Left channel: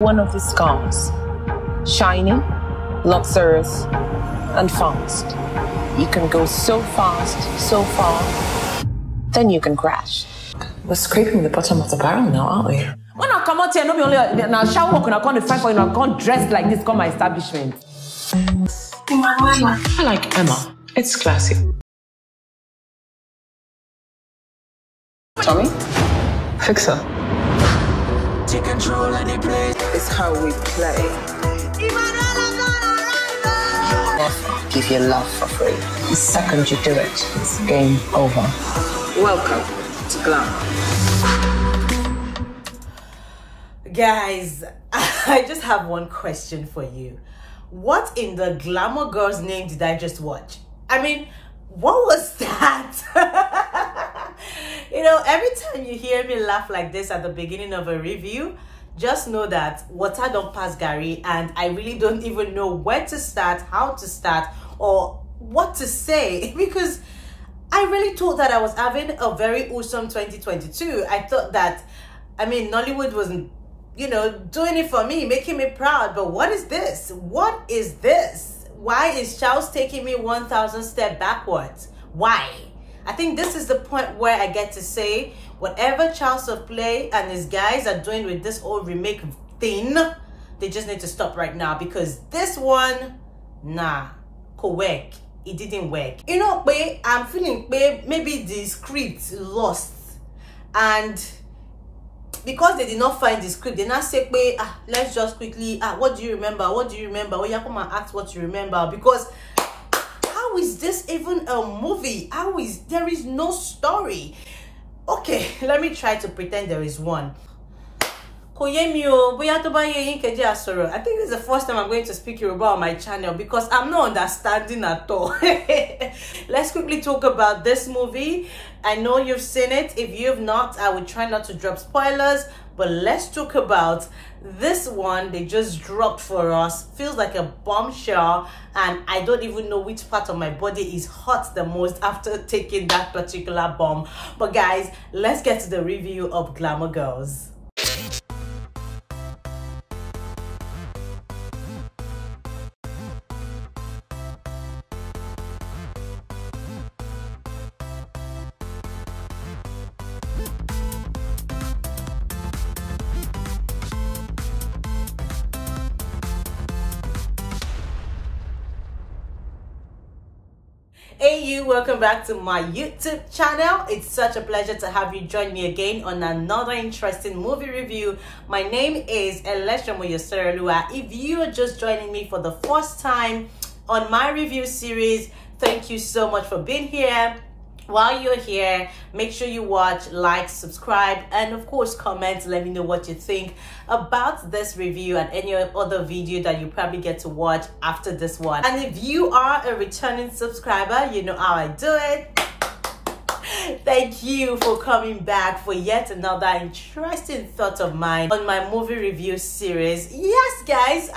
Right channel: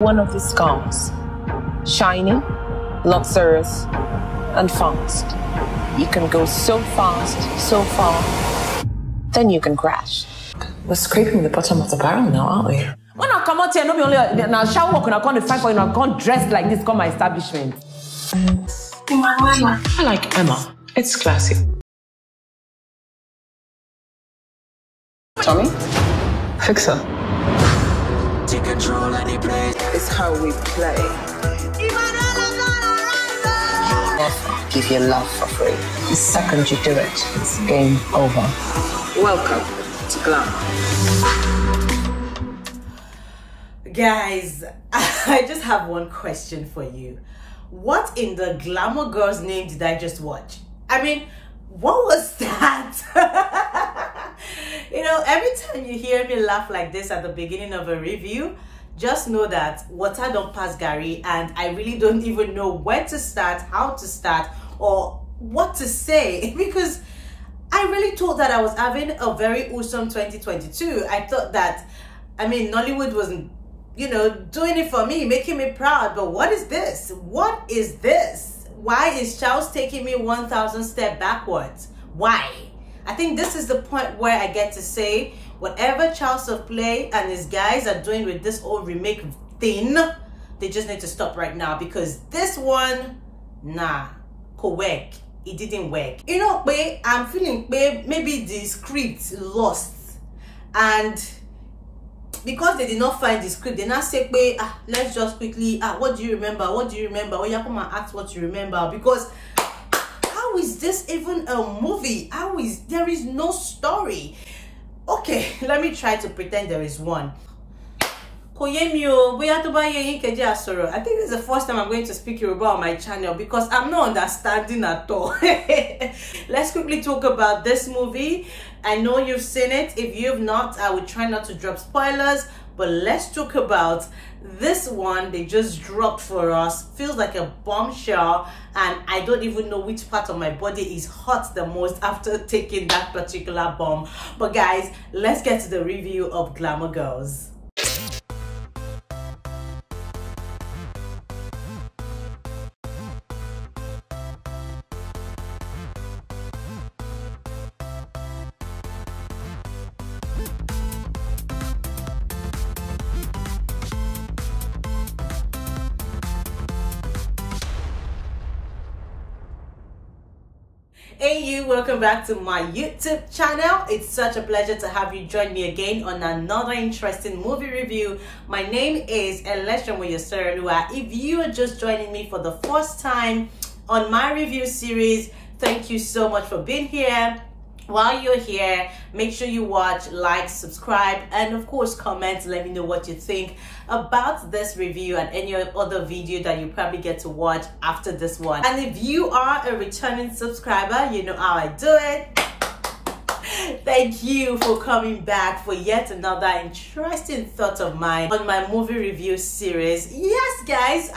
One of his cars, shiny, luxurious, and fast. You can go so fast, so far, then you can crash. We're scraping the bottom of the barrel now, aren't we? When I come out here, no be only now shower work, and I can't fight for you, I can't dress like this, come my establishment. I like Emma. It's classic. Tommy? Fixer. It's how we play. Never give your love for free. The second you do it, it's game over. Welcome to Glamour. Guys, I just have one question for you. What in the Glamour Girls name did I just watch? I mean, what was that? You know, every time you hear me laugh like this at the beginning of a review, just know that water don't pass Gary, and I really don't even know where to start, how to start, or what to say, because I really thought that I was having a very awesome 2022. I thought that, I mean, Nollywood wasn't, you know, doing it for me, making me proud. But what is this? What is this? Why is Charles taking me 1,000 steps backwards? Why? I think this is the point where I get to say, whatever Charles of Play and his guys are doing with this old remake thing, they just need to stop right now, because this one, nah, could work. It didn't work. You know, I'm feeling maybe the script lost, and because they did not find the script, they now say, let's just quickly, what do you remember? What do you remember? Oh, yeah, come and ask what you remember. Because how is this even a movie? There is no story. Okay, let me try to pretend there is one. I think this is the first time I'm going to speak Yoruba on my channel, because I'm not understanding at all. Let's quickly talk about this movie. I know you've seen it. If you've not, I will try not to drop spoilers, but let's talk about this one they just dropped for us. Feels like a bombshell, and I don't even know which part of my body is hot the most after taking that particular bomb. But guys, let's get to the review of Glamour Girls. Hey you, welcome back to my YouTube channel. It's such a pleasure to have you join me again on another interesting movie review. My name is Eleshamoyoserelua. If you are just joining me for the first time on my review series, thank you so much for being here. While you're here, make sure you watch, like, subscribe, and of course comment. Let me know what you think about this review and any other video that you probably get to watch after this one. And if you are a returning subscriber, you know how I do it. Thank you for coming back for yet another interesting thought of mine on my movie review series. Yes guys,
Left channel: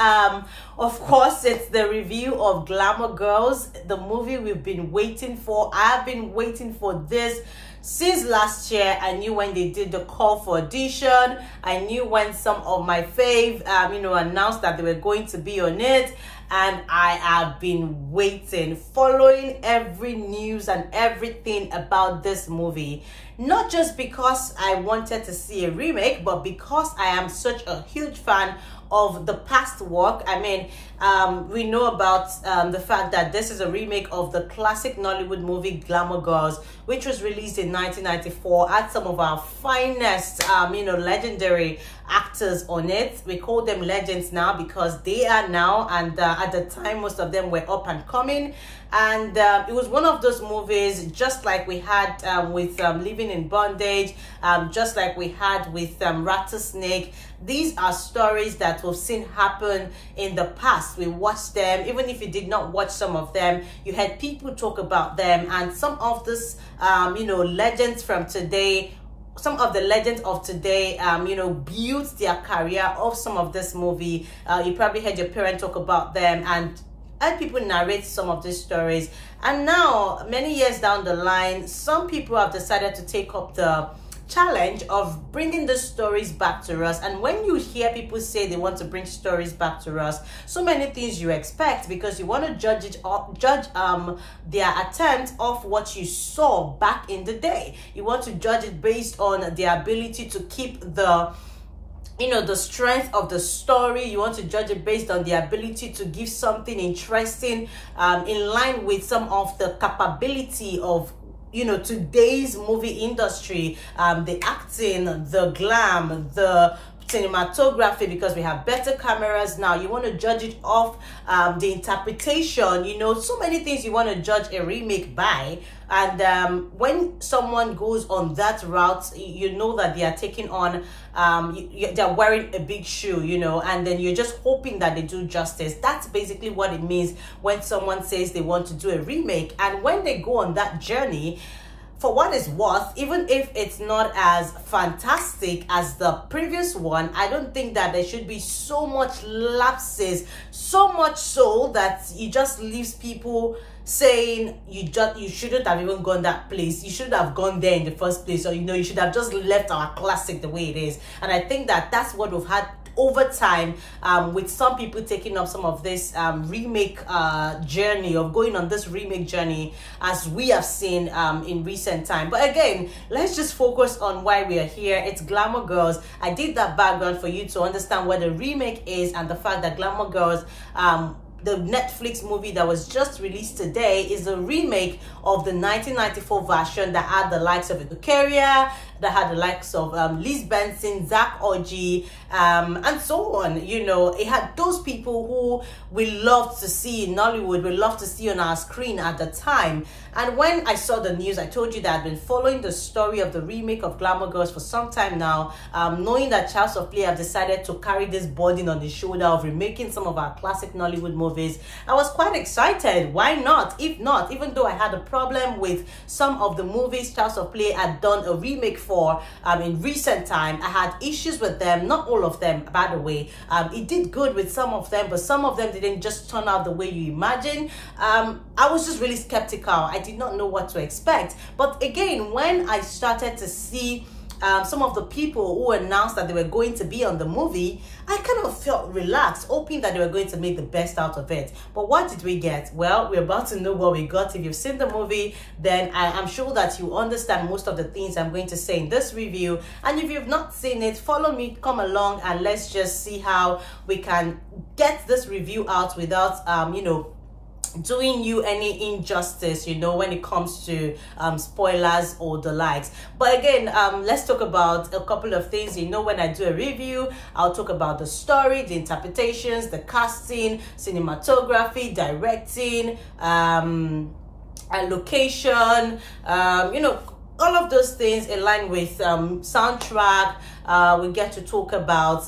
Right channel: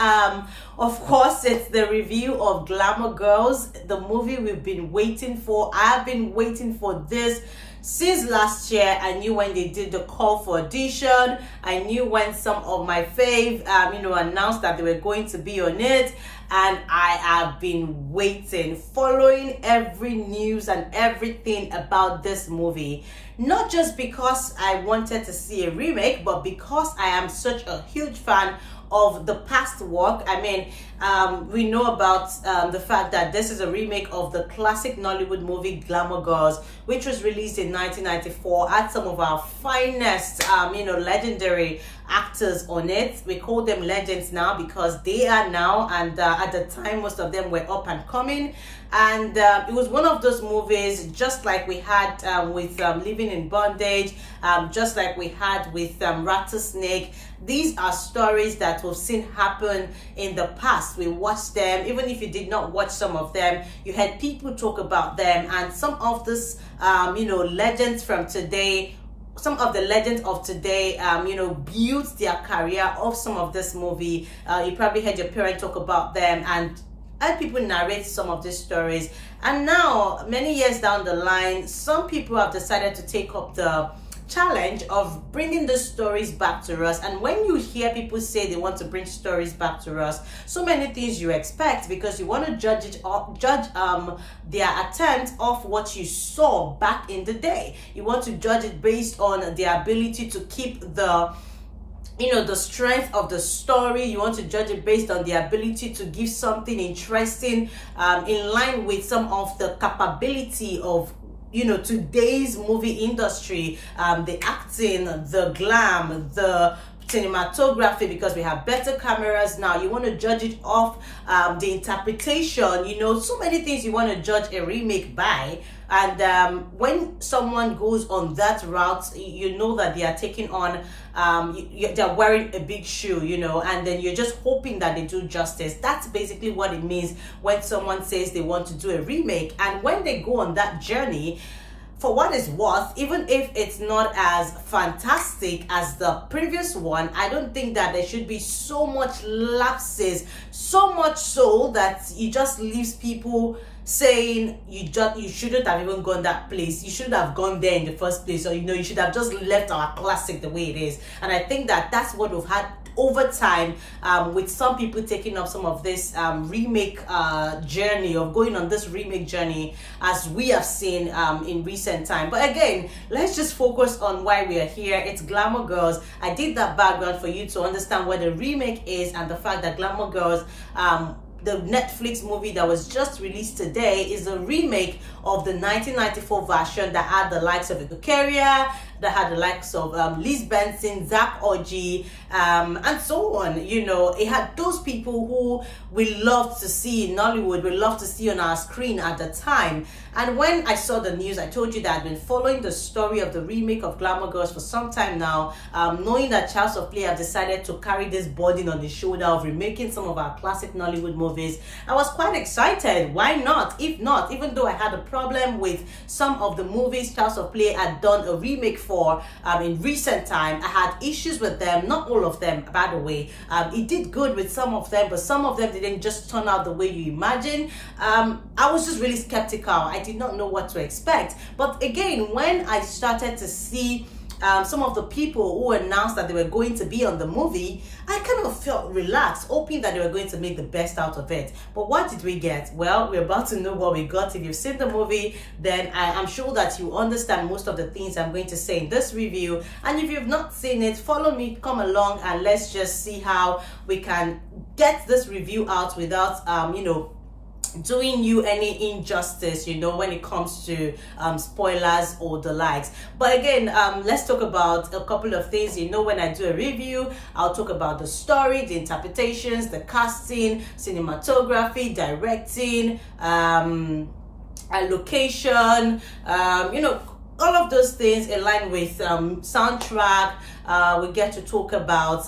of course it's the review of Glamour Girls, the movie we've been waiting for. I've been waiting for this since last year. I knew when they did the call for audition. I knew when some of my fave announced that they were going to be on it, and I have been waiting, following every news and everything about this movie. Not just because I wanted to see a remake, but because I am such a huge fan of the past work. I mean, we know about the fact that this is a remake of the classic Nollywood movie Glamour Girls, which was released in 1994. Had some of our finest, legendary actors on it. We call them legends now because they are now, and at the time most of them were up and coming. And it was one of those movies, just like we had with Living in Bondage, just like we had with Rattlesnake. These are stories that we've seen happen in the past. We watched them. Even if you did not watch some of them, you had people talk about them. And some of this, legends from today, some of the legends of today, built their career off some of this movie. You probably heard your parents talk about them and heard people narrate some of these stories. And now, many years down the line, some people have decided to take up the challenge of bringing the stories back to us. And when you hear people say they want to bring stories back to us, so many things you expect, because you want to judge their attempt of what you saw back in the day. You want to judge it based on their ability to keep the the strength of the story. You want to judge it based on the ability to give something interesting in line with some of the capability of today's movie industry, the acting, the glam, the cinematography, because we have better cameras now. You want to judge it off the interpretation, so many things you want to judge a remake by. And when someone goes on that route, you know that they are taking on, they're wearing a big shoe, and then you're just hoping that they do justice. That's basically what it means when someone says they want to do a remake. And when they go on that journey, for what it's worth, even if it's not as fantastic as the previous one, I don't think that there should be so much lapses, so much so that it just leaves people saying you shouldn't have even gone that place, you shouldn't have gone there in the first place, or you should have just left our classic the way it is. And I think that that's what we've had over time, with some people taking up some of this remake journey, of going on this remake journey, as we have seen in recent time. But again, let's just focus on why we are here. It's Glamour Girls. I did that background for you to understand what the remake is, and the fact that Glamour Girls, the Netflix movie that was just released today, is a remake of the 1994 version that had the likes of Toke, that had the likes of Liz Benson, Zach Orji, and so on. It had those people who we loved to see in Nollywood, we loved to see on our screen at the time. And when I saw the news, I told you that I've been following the story of the remake of Glamour Girls for some time now, knowing that House of Play have decided to carry this burden on the shoulder of remaking some of our classic Nollywood movies. I was quite excited. Why not? If not, even though I had a problem with some of the movies House of Play had done a remake for in recent time, I had issues with them. Not all of them, by the way. It did good with some of them, but some of them didn't just turn out the way you imagine. I was just really skeptical. I did not know what to expect. But again, when I started to see some of the people who announced that they were going to be on the movie, I kind of felt relaxed, hoping that they were going to make the best out of it. But what did we get? Well, we're about to know what we got. If you've seen the movie, then I'm sure that you understand most of the things I'm going to say in this review. And if you've not seen it, follow me, come along, and let's just see how we can get this review out without, doing you any injustice, when it comes to spoilers or the likes. But again, let's talk about a couple of things. When I do a review, I'll talk about the story, the interpretations, the casting, cinematography, directing, location, all of those things in line with soundtrack. We get to talk about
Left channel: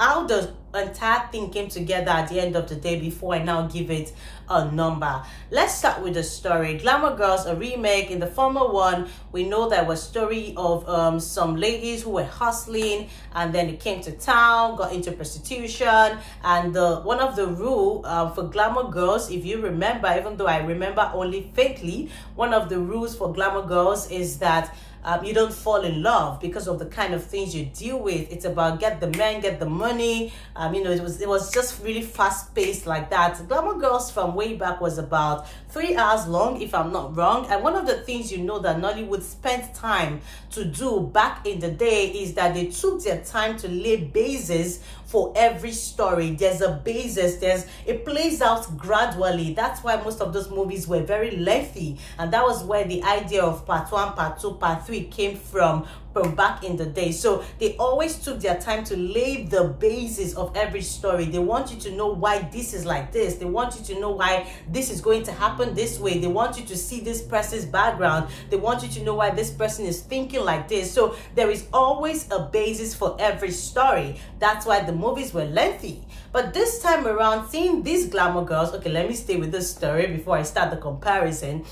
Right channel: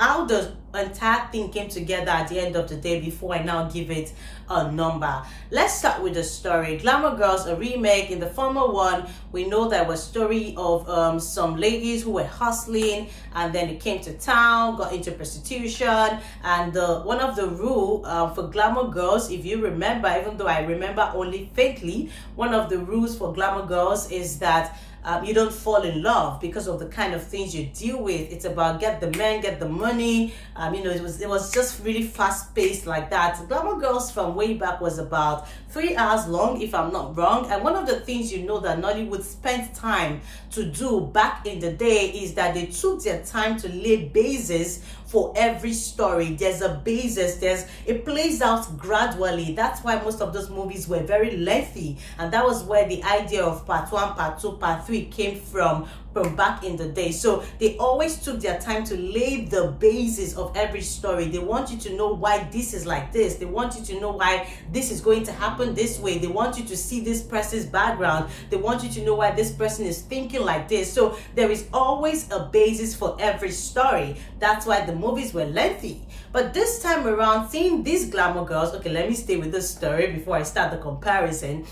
how the entire thing came together at the end of the day before I now give it a number. Let's start with the story. Glamour Girls, a remake. In the former one, we know there was a story of some ladies who were hustling, and then they came to town, got into prostitution. And one of the rule for Glamour Girls, if you remember, even though I remember only faintly, one of the rules for Glamour Girls is that you don't fall in love because of the kind of things you deal with. It's about get the men, get the money. It was just really fast paced like that. Glamour Girls from way back was about 3 hours long, if I'm not wrong. And one of the things that Nollywood spent time to do back in the day is that they took their time to lay bases for every story. There's a basis, it plays out gradually. That's why most of those movies were very lengthy, and that was where the idea of part 1, part 2, part 3 came from back in the day. So they always took their time to lay the basis of every story. They want you to know why this is like this. They want you to know why this is going to happen this way. They want you to see this person's background. They want you to know why this person is thinking like this. So there is always a basis for every story. That's why the movies were lengthy. But this time around, seeing these Glamour Girls, okay, let me stay with this story before I start the comparison.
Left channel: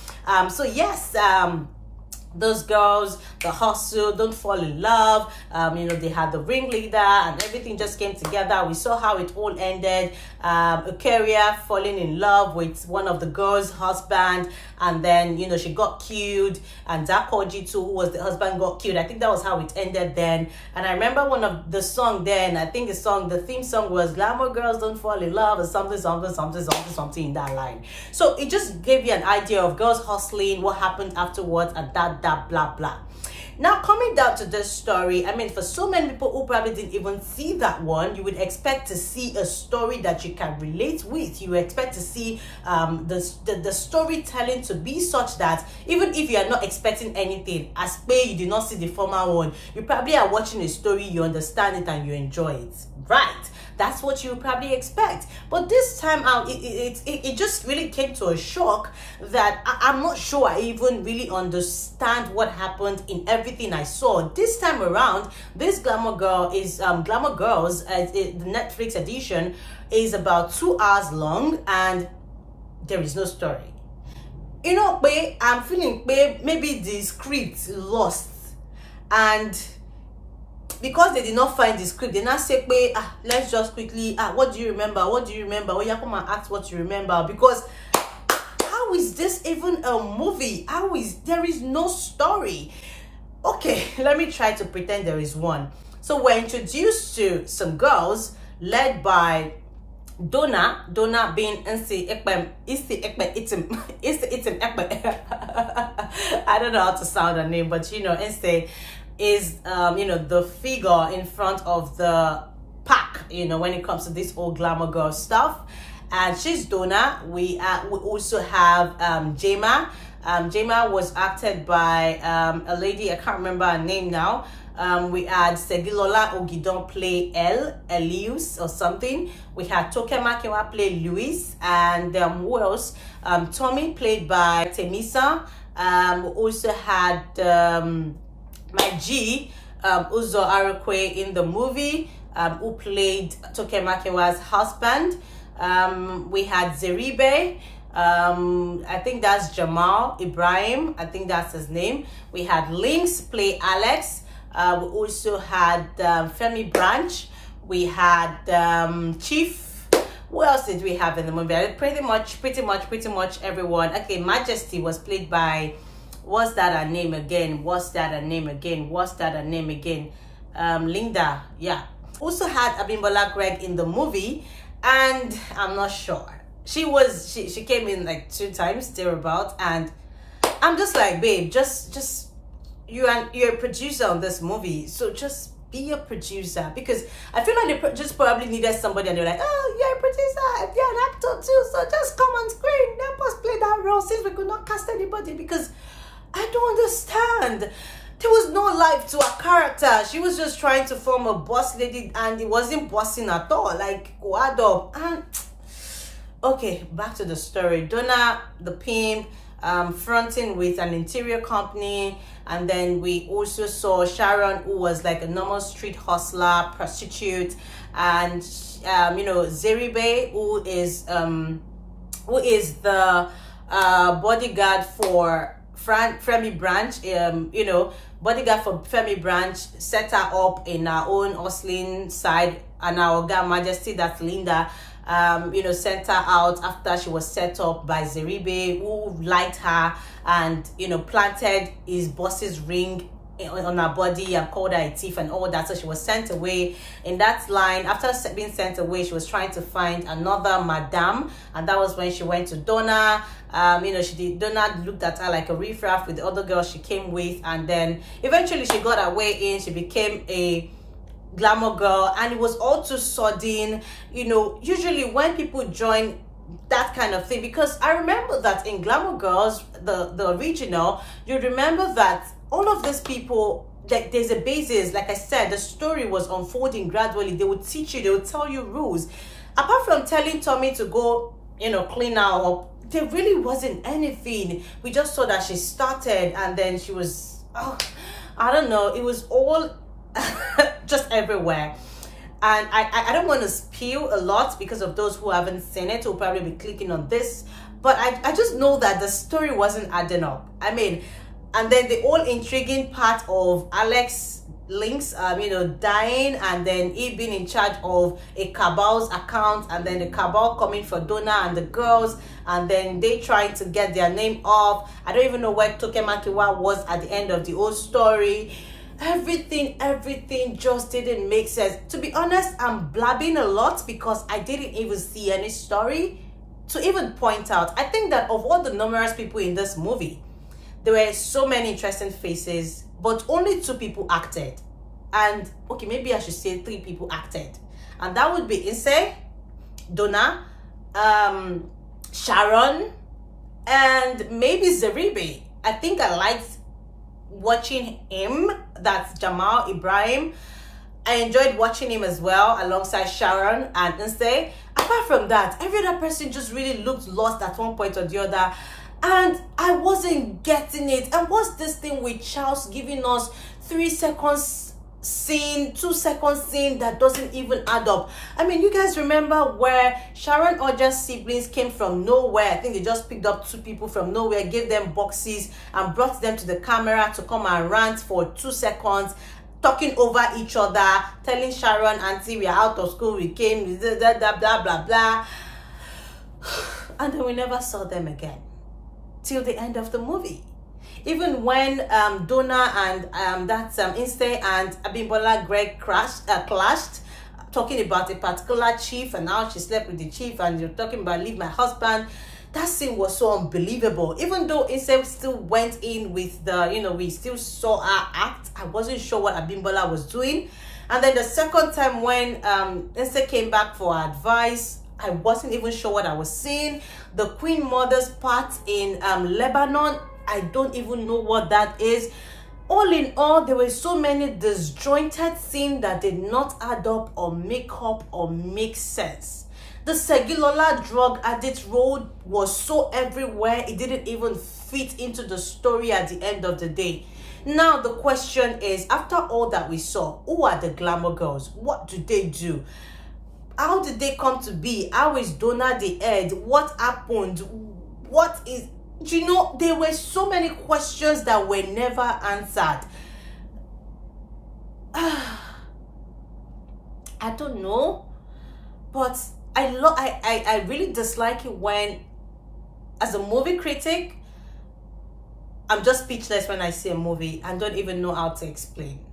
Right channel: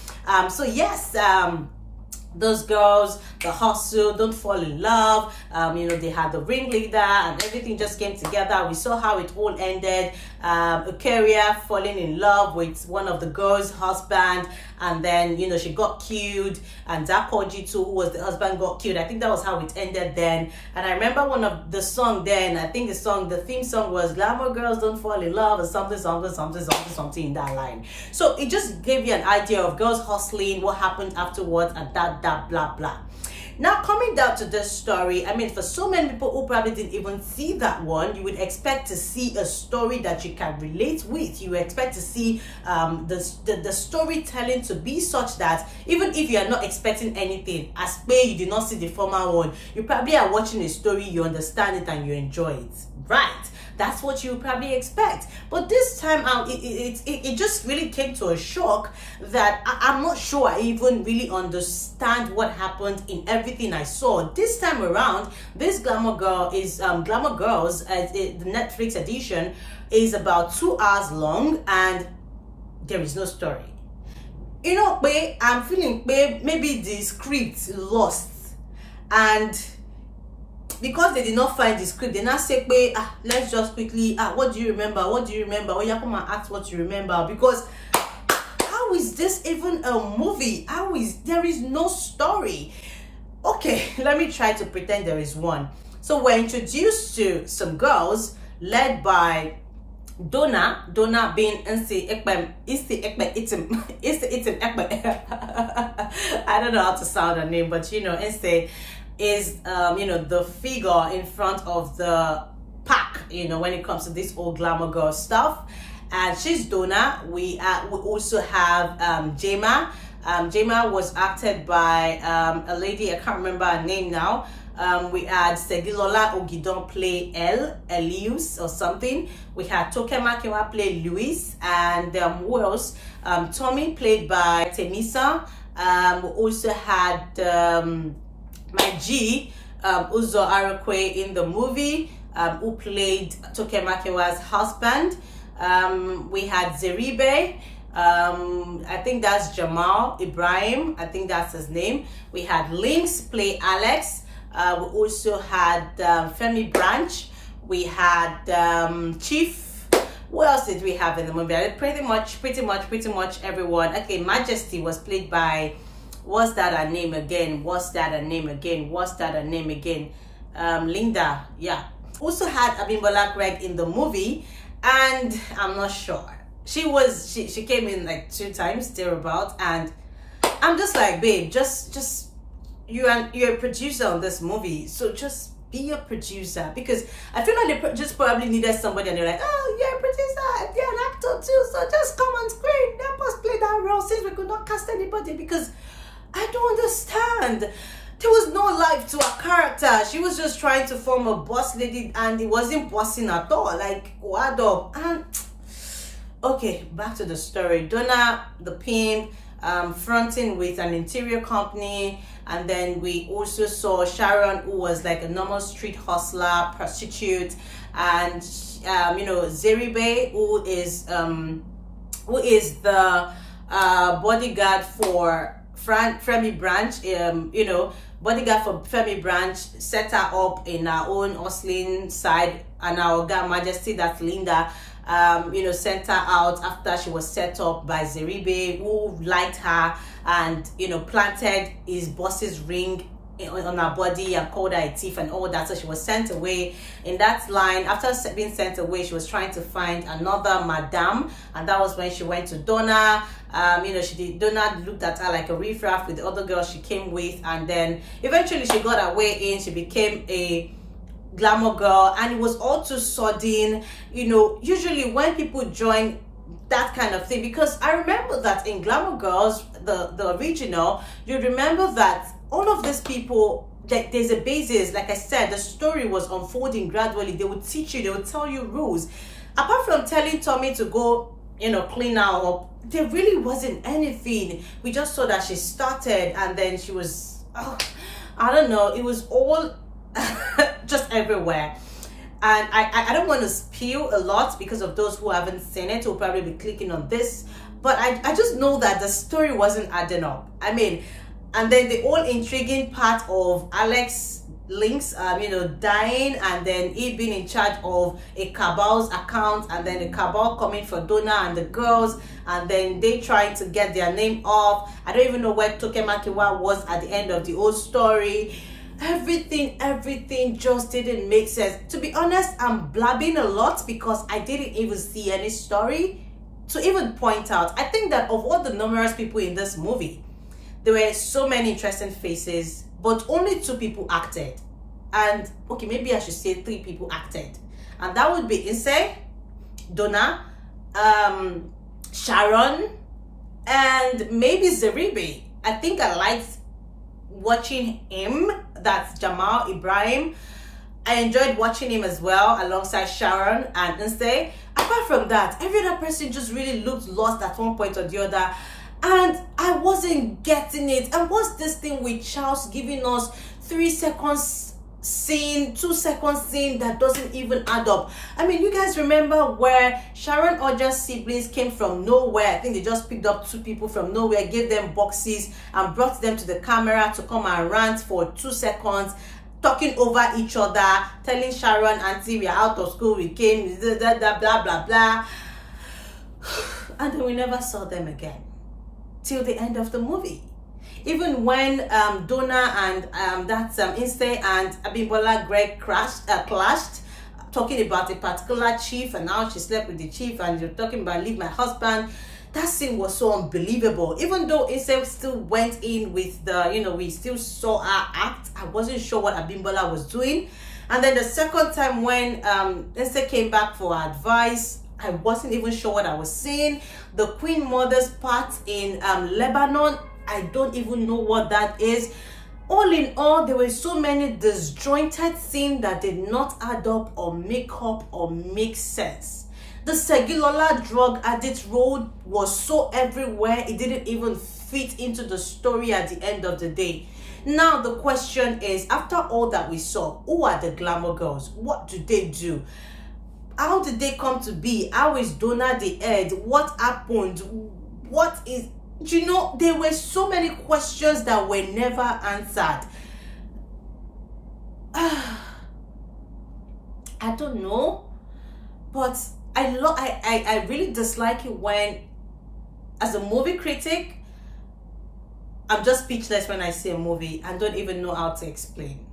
So yes, those girls, the hustle, don't fall in love. You know, they had the ringleader and everything just came together. We saw how it all ended. A carrier falling in love with one of the girls' husband, and then, you know, she got killed, and Dakoji too, who was the husband, got killed. I think that was how it ended then. And I remember one of the song then, I think the theme song was Glamour Girls Don't Fall in Love, or something in that line. So it just gave you an idea of girls hustling, what happened afterwards, and that blah blah. Now, coming down to this story, I mean, for so many people who probably didn't even see that one, you would expect to see a story that you can relate with. You would expect to see the storytelling to be such that even if you are not expecting anything, as per you did not see the former one, you probably are watching a story, you understand it, and you enjoy it, right? That's what you probably expect. But this time out, it just really came to a shock that I'm not sure I even really understand what happened in everything I saw. This time around, this Glamour Girl is Glamour Girls, the Netflix edition, is about 2 hours long, and there is no story. You know, I'm feeling maybe the script lost, and because they did not find the script, they now say, let's just quickly, what do you remember? What do you remember? Oh, yeah, come and ask what you remember. Because how is this even a movie? There is no story? Okay, let me try to pretend there is one. So we're introduced to some girls led by Donna being Etim. I don't know how to sound her name, but you know, is you know, the figure in front of the pack, you know, when it comes to this old Glamour Girl stuff. And she's Donna. We also have Jema. Jema was acted by a lady, I can't remember her name now. We had Segilola Ogidon play Elius or something. We had Toke Makinwa play Louis, and who else? Tommy played by Taymesan. We also had my G, Uzo Arakwe in the movie, who played Toke Makinwa's husband. We had Zeribe, I think that's Jamal Ibrahim, I think that's his name. We had Links play Alex. We also had Femi Branch. We had Chief. What else did we have in the movie? Pretty much everyone. Okay, Majesty was played by, what's that her name again? Linda, yeah. Also had Abimbola Greg in the movie, and I'm not sure. She came in like 2 times thereabout, and I'm just like, babe, just you're a producer on this movie, so just be a producer. Because I feel like they just probably needed somebody, and they're like, oh, you're a producer, you're an actor too, so just come on screen, help us play that role, since we could not cast anybody. Because I don't understand. There was no life to her character. She was just trying to form a boss lady, and it wasn't bossing at all. Like, what up? And okay, back to the story. Donna, the pimp, fronting with an interior company. And then we also saw Sharon, who was like a normal street hustler, prostitute. And, you know, Zeribe, who is the bodyguard for Femi Branch, you know, bodyguard for Femi Branch, set her up in our own hustling side, and our Girl Majesty, that's Linda, you know, sent her out after she was set up by Zeribe, who liked her and, you know, planted his boss's ring on her body and called her a thief and all that. So she was sent away. In that line, after being sent away, she was trying to find another madame, and that was when she went to Donna. You know, Donna looked at her like a riffraff with the other girls she came with, and then eventually she got her way in. She became a Glamour Girl, and it was all too sudden. You know, usually when people join that kind of thing, because I remember that in Glamour Girls, the original, you remember that all of these people, like, there's a basis. Like I said, the story was unfolding gradually. They would teach you, they would tell you rules. Apart from telling Tommy to go, you know, clean her up, there really wasn't anything. We just saw that she started, and then she was, oh, I don't know, it was all just everywhere. And I don't want to spill a lot because of those who haven't seen it, who'll probably be clicking on this, but I just know that the story wasn't adding up. I mean, And then the whole intriguing part of Alex Links, you know, dying, and then he being in charge of a cabal's account, and then the cabal coming for Donna and the girls, and then they trying to get their name off. I don't even know where Toke Makinwa was at the end of the whole story. Everything just didn't make sense. To be honest, I'm blabbing a lot because I didn't even see any story to even point out. I think that of all the numerous people in this movie, there were so many interesting faces, but only 2 people acted. And okay, maybe I should say 3 people acted. And that would be Ise, Donna, Sharon, and maybe Zeribe. I think I liked watching him. That's Jamal Ibrahim. I enjoyed watching him as well alongside Sharon and Ise. Apart from that, every other person just really looked lost at one point or the other. And I wasn't getting it. And what's this thing with Charles giving us 3 seconds scene, 2 seconds scene that doesn't even add up? I mean, you guys remember where Sharon Ooja's siblings came from nowhere? I think they just picked up 2 people from nowhere, gave them boxes and brought them to the camera to come and rant for 2 seconds, talking over each other, telling Sharon, auntie, we are out of school, we came, blah, blah, blah, blah, blah. And then we never saw them again till the end of the movie. Even when Donna and that's Ise and Abimbola Greg clashed, talking about a particular chief and how she slept with the chief, and you're talking about leave my husband. That scene was so unbelievable. Even though Ise still went in with the, you know, we still saw her act, I wasn't sure what Abimbola was doing. And then the second time when Ise came back for advice, I wasn't even sure what I was seeing. The Queen Mother's part in Lebanon, I don't even know what that is. All in all, there were so many disjointed scenes that did not add up or make up or make sense. The Segilola drug addict role was so everywhere, it didn't even fit into the story at the end of the day. Now the question is, after all that we saw, who are the Glamour girls? What do they do? How did they come to be? How is Donna the head? What happened? What is... You know, there were so many questions that were never answered. I don't know, but I really dislike it when, as a movie critic, I'm just speechless when I see a movie and don't even know how to explain.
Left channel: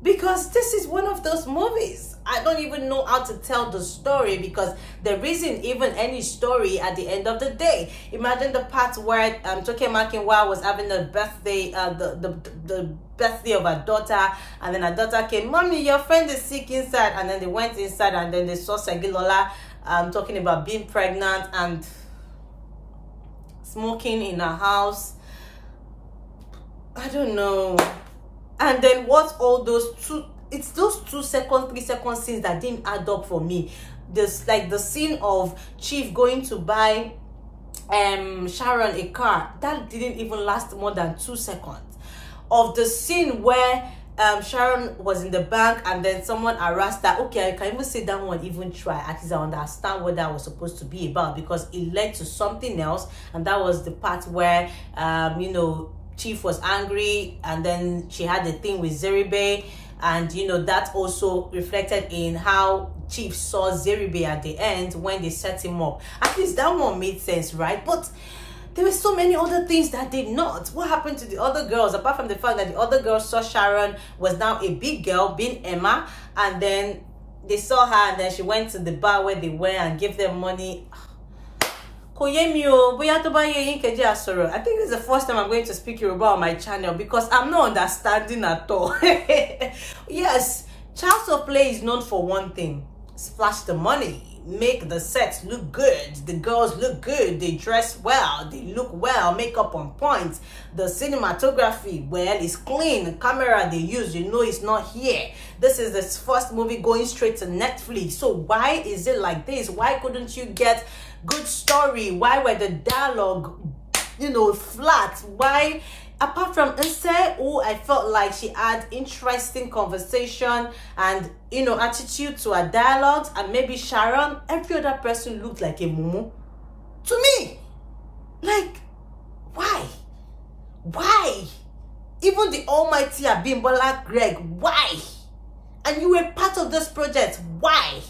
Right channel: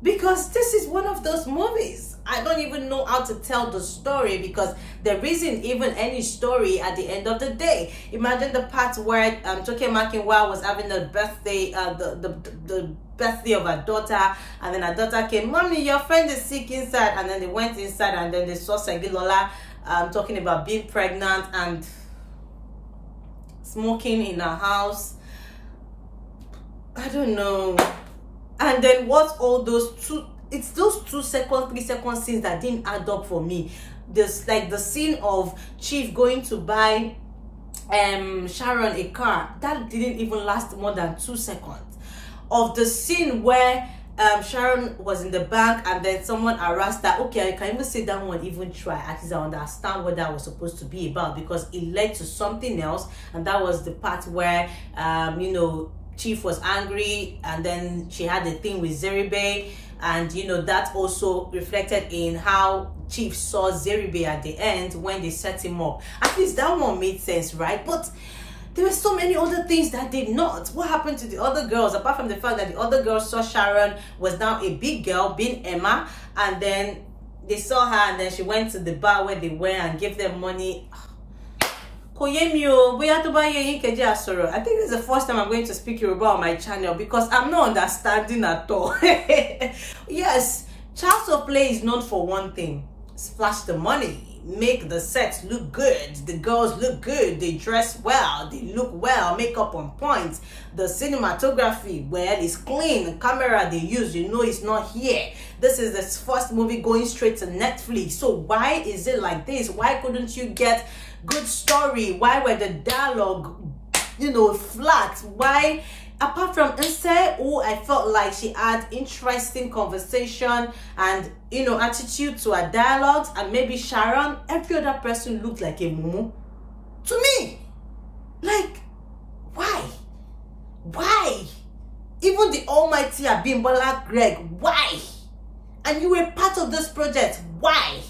Because this is one of those movies. I don't even know how to tell the story because there isn't even any story at the end of the day. Imagine the part where Toke Makinwa was having a birthday, the birthday of her daughter, and then her daughter came, "Mommy, your friend is sick inside," and then they went inside and then they saw Segilola talking about being pregnant and smoking in her house. I don't know. And then what's all those it's those 2 seconds, 3 second scenes that didn't add up for me. This, like the scene of Chief going to buy Sharon a car, that didn't even last more than 2 seconds. Of the scene where Sharon was in the bank and then someone harassed her. Okay, I can even say that one even try. At least I understand what that was supposed to be about, because it led to something else, and that was the part where you know, Chief was angry and then she had a thing with Zeribe, and you know, that also reflected in how Chief saw Zeribe at the end when they set him up. At least that one made sense, right? But there were so many other things that did not. What happened to the other girls, apart from the fact that the other girls saw Sharon was now a big girl being Emma, and then they saw her and then she went to the bar where they were and gave them money. I think this is the first time I'm going to speak Yoruba on my channel because I'm not understanding at all. Yes, Child's of Play is known for one thing: splash the money, make the sets look good, the girls look good, they dress well, they look well, makeup on point, the cinematography, well, is clean, the camera they use, you know, it's not here. This is the first movie going straight to Netflix. So why is it like this? Why couldn't you get good story? Why were the dialogue, you know, flat? Why, apart from Ise, who I felt like she had interesting conversation and, you know, attitude to her dialogues, and maybe Sharon, every other person looked like a mumu to me. Like, why? MC Abimbola Greg. Why? And you were part of this project. Why?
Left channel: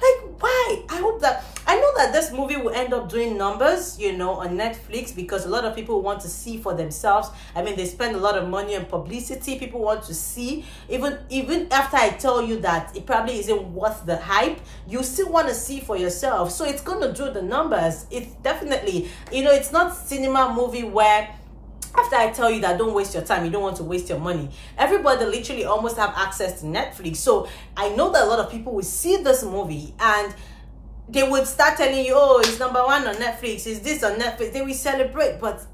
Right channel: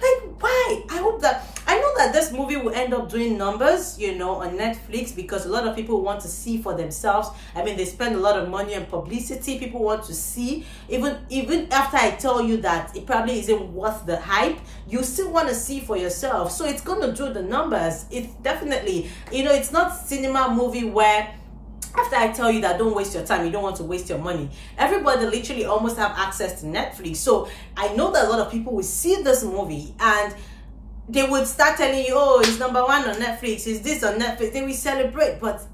Like, why? I hope that, I know that this movie will end up doing numbers, you know, on Netflix, because a lot of people want to see for themselves. I mean, they spend a lot of money on publicity. People want to see, even after I tell you that it probably isn't worth the hype, you still want to see for yourself. So it's going to do the numbers. It's definitely, you know, it's not cinema movie where after I tell you that don't waste your time, you don't want to waste your money. Everybody literally almost have access to Netflix. So I know that a lot of people will see this movie and they would start telling you, oh, it's #1 on Netflix, is this on Netflix? They will celebrate. But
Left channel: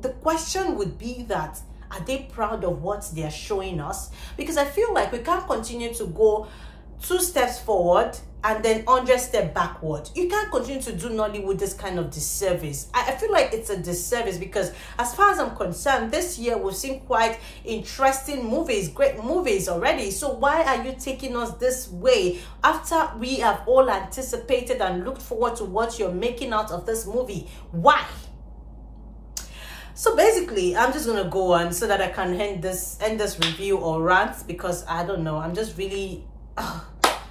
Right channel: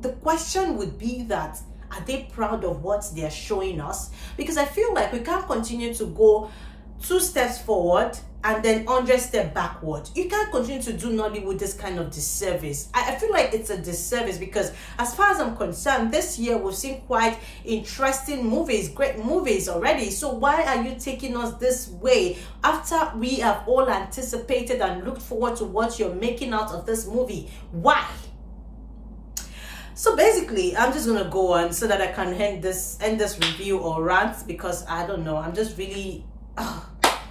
the question would be that, are they proud of what they are showing us? Because I feel like we can't continue to go 2 steps forward and then 100 steps backward. You can't continue to do Nollywood this kind of disservice. I feel like it's a disservice, because as far as I'm concerned, this year we've seen quite interesting movies, great movies already. So why are you taking us this way after we have all anticipated and looked forward to what you're making out of this movie? Why? So basically, I'm just gonna go on so that I can end this review or rant, because I don't know, I'm just really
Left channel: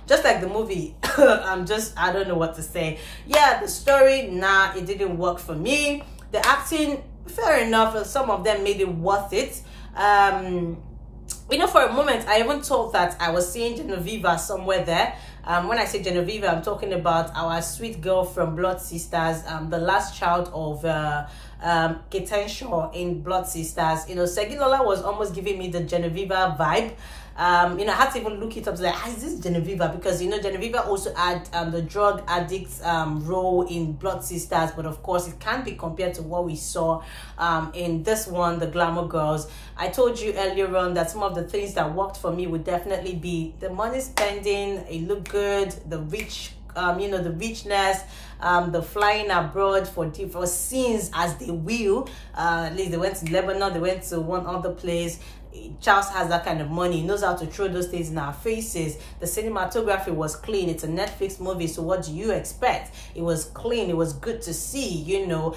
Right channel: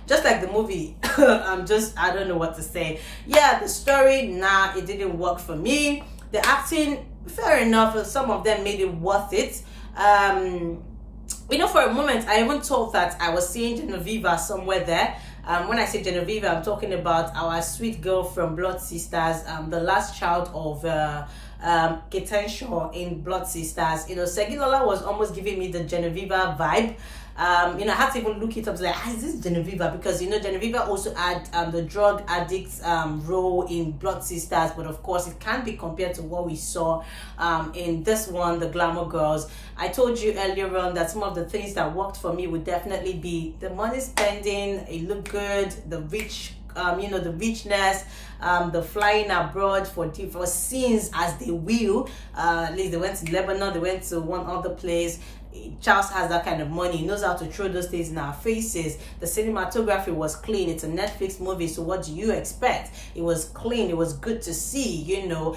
just like the movie. I don't know what to say. Yeah, the story, nah, it didn't work for me. The acting, fair enough, some of them made it worth it. You know, for a moment I even thought that I was seeing Genevieve somewhere there. When I say Genevieve, I'm talking about our sweet girl from Blood Sisters, the last child of Ketan in Blood Sisters. You know, Segilola was almost giving me the Genevieve vibe. You know, I had to even look it up to like, is this Genevieve? Because, you know, Genevieve also had the drug addict role in Blood Sisters, but of course it can't be compared to what we saw in this one, the Glamour Girls. I told you earlier on that some of the things that worked for me would definitely be the money spending, it looked good, the rich, you know, the richness, the flying abroad for scenes as they will. At least they went to Lebanon, they went to one other place. Charles has that kind of money. He knows how to throw those things in our faces. The cinematography was clean. It's a Netflix movie, so what do you expect? It was clean. It was good to see, you know.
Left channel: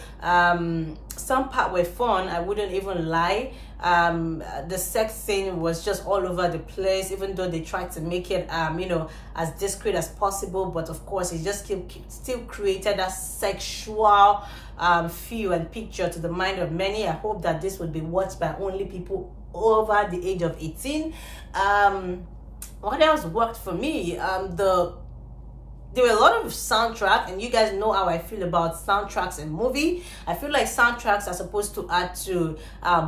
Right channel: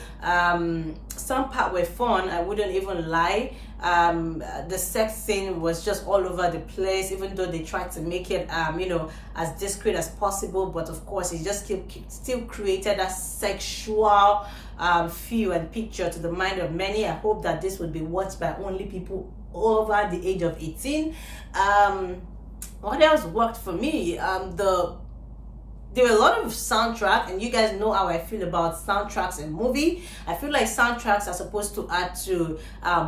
Some part were fun, I wouldn't even lie. The sex scene was just all over the place, even though they tried to make it you know, as discreet as possible, but of course it just still created a sexual feel and picture to the mind of many. I hope that this would be watched by only people over the age of 18. What else worked for me? There were a lot of soundtrack, and you guys know how I feel about soundtracks in movie. I feel like soundtracks are supposed to add to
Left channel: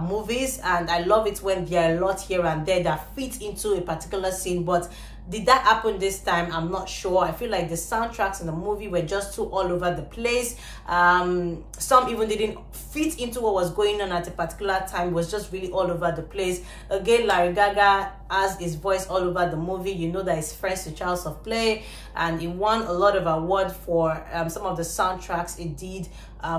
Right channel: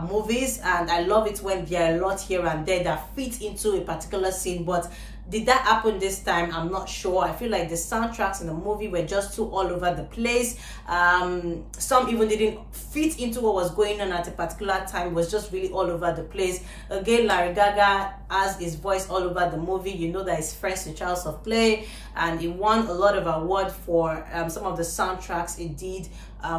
movies, and I love it when there are a lot here and there that fit into a particular scene. But did that happen this time? I'm not sure. I feel like the soundtracks in the movie were just too all over the place. Some even didn't fit into what was going on at a particular time. It was just really all over the place. Again, Larry Gaga has his voice all over the movie. You know that he's friends with Charles of Play, and he won a lot of awards for some of the soundtracks he did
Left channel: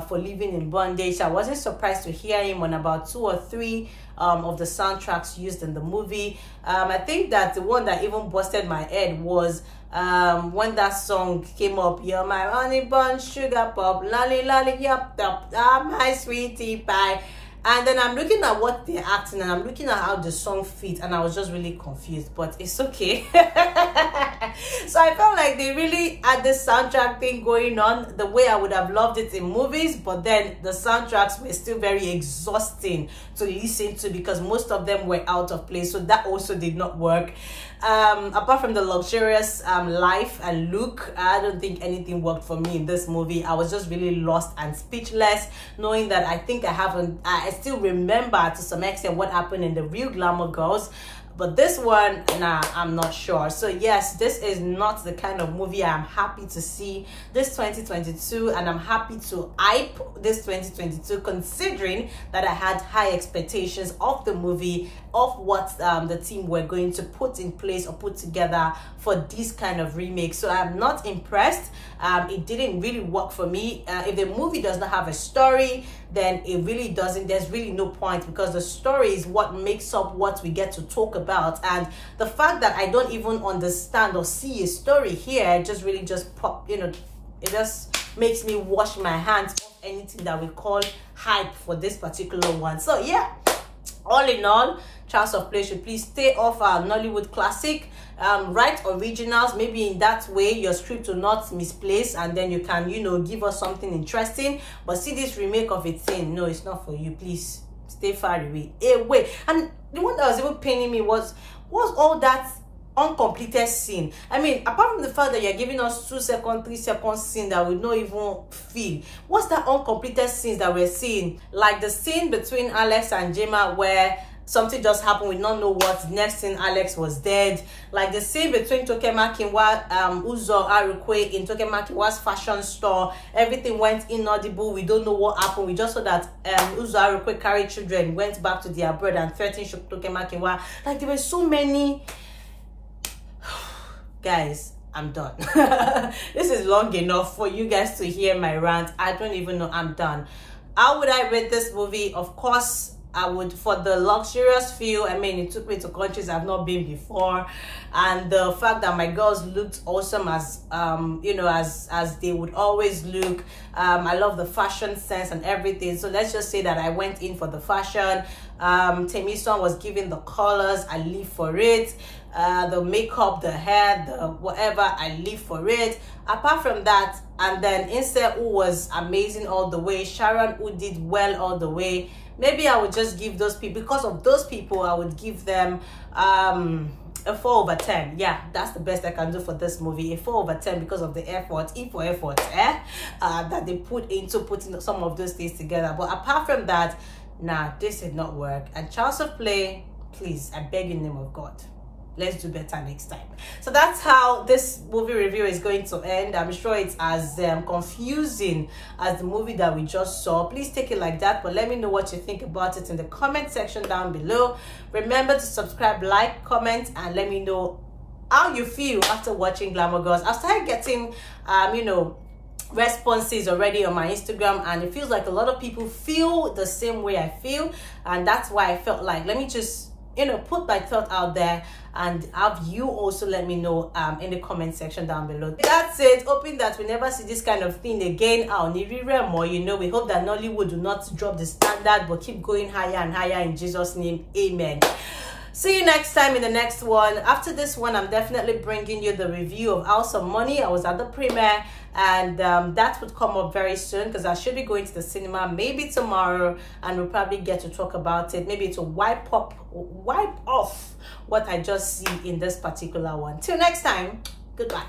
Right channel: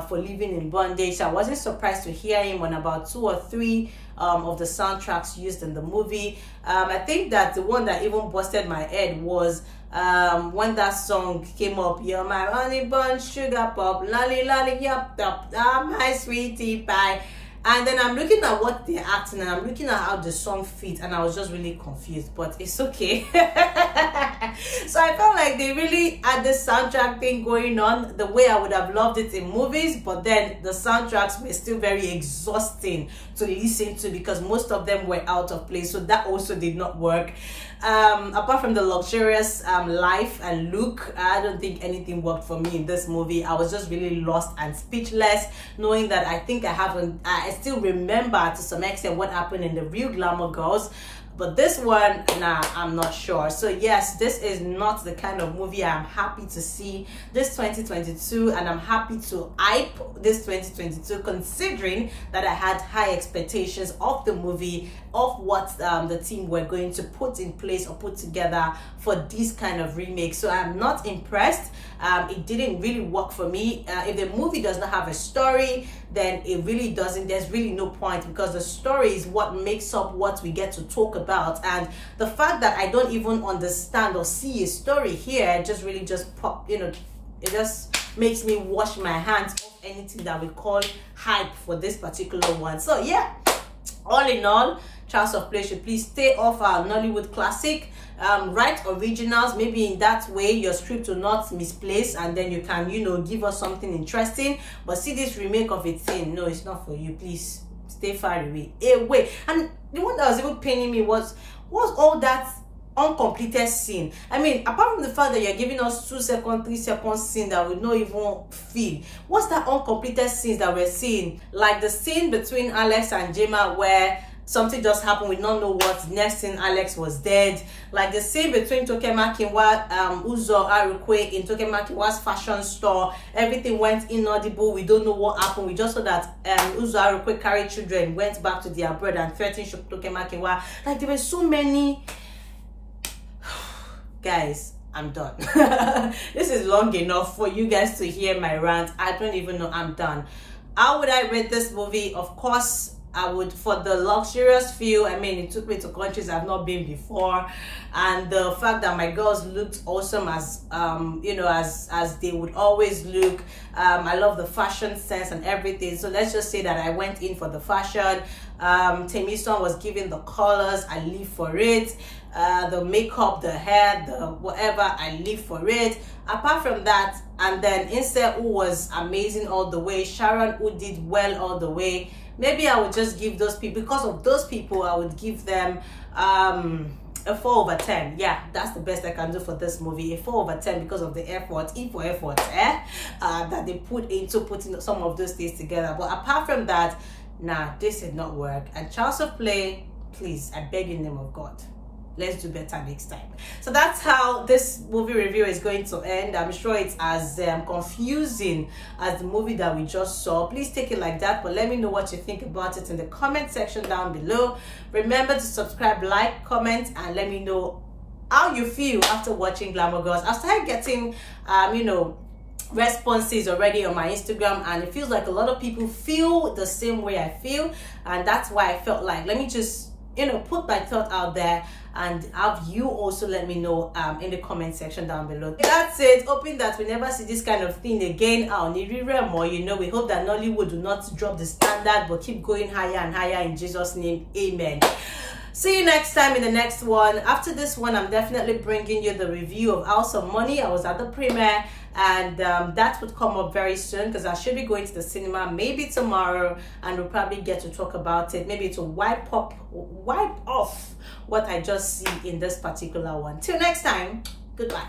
for Living in Bondage. I wasn't surprised to hear him on about 2 or 3 of the soundtracks used in the movie. I think that the one that even busted my head was when that song came up, you're my honey bun, sugar pop, lolly lolly, yup, yup, my sweetie pie. And then I'm looking at what they're acting, and I'm looking at how the song fits, and I was just really confused, but it's okay. So I felt like they really had this soundtrack thing going on the way I would have loved it in movies, but then the soundtracks were still very exhausting to listen to because most of them were out of place, so that also did not work. Apart from the luxurious life and look, I don't think anything worked for me in this movie. I was just really lost and speechless, knowing that I still remember to some extent what happened in the real Glamour Girls. But this one, nah, I'm not sure. So yes, this is not the kind of movie I'm happy to see this 2022, and I'm happy to hype this 2022, considering that I had high expectations of the movie, of what the team were going to put in place or put together for this kind of remake. So I'm not impressed. It didn't really work for me. If the movie does not have a story, then it really doesn't, there's really no point, because the story is what makes up what we get to talk about. And the fact that I don't even understand or see a story here just really pop, you know, it just makes me wash my hands off anything that we call hype for this particular one. So yeah, all in all, Charles of Play should please stay off our Nollywood classic. Write originals. Maybe in that way your script will not misplace, and then you can, you know, give us something interesting. But see this remake of Etim, no, it's not for you. Please stay far away. And the one that was even paining me was all that uncompleted scene. I mean, apart from the fact that you're giving us 2 second, 3 second scene that we don't even feel, what's that uncompleted scenes that we're seeing? Like the scene between Alex and Gemma where something just happened, we don't know what. Next thing, Alex was dead. Like the scene between Toke Makinwa, Ooja Arukwe in Toke Makinwa's fashion store. Everything went inaudible. We don't know what happened. We just saw that Ooja Arukwe carried children, went back to their bread and threatened Toke Makinwa. Like there were so many. Guys, I'm done. This is long enough for you guys to hear my rant. I don't even know. I'm done. How would I rate this movie? Of course, I would, for the luxurious feel. I mean, it took me to countries I've not been before, and the fact that my girls looked awesome as you know, as they would always look. I love the fashion sense and everything. So let's just say that I went in for the fashion. Taymesan was giving the colors. I live for it. The makeup, the hair, the whatever, I live for it. Apart from that, and then Inse, who was amazing all the way, Sharon, who did well all the way. Maybe I would just give those people, because of those people, I would give them a 4/10. Yeah, that's the best I can do for this movie. A 4/10 because of the effort, that they put into putting some of those things together. But apart from that, nah, this did not work. And Charles of Play, please, I beg in the name of God, let's do better next time. So that's how this movie review is going to end. I'm sure it's as confusing as the movie that we just saw. Please take it like that, but let me know what you think about it in the comment section down below. Remember to subscribe, like, comment, and let me know how you feel after watching Glamour Girls. I started getting you know, responses already on my Instagram, and it feels like a lot of people feel the same way I feel, and that's why I felt like, let me just, you know, put my thought out there and have you also let me know in the comment section down below. That's it. Hoping that we never see this kind of thing again. More, you know, we hope that Nollywood do not drop the standard but keep going higher and higher in Jesus' name. Amen. See you next time in the next one. After this one, I'm definitely bringing you the review of House of Money. I was at the premiere, and that would come up very soon because I should be going to the cinema maybe tomorrow, and we'll probably get to talk about it, maybe to wipe off what I just see in this particular one. Till next time, goodbye.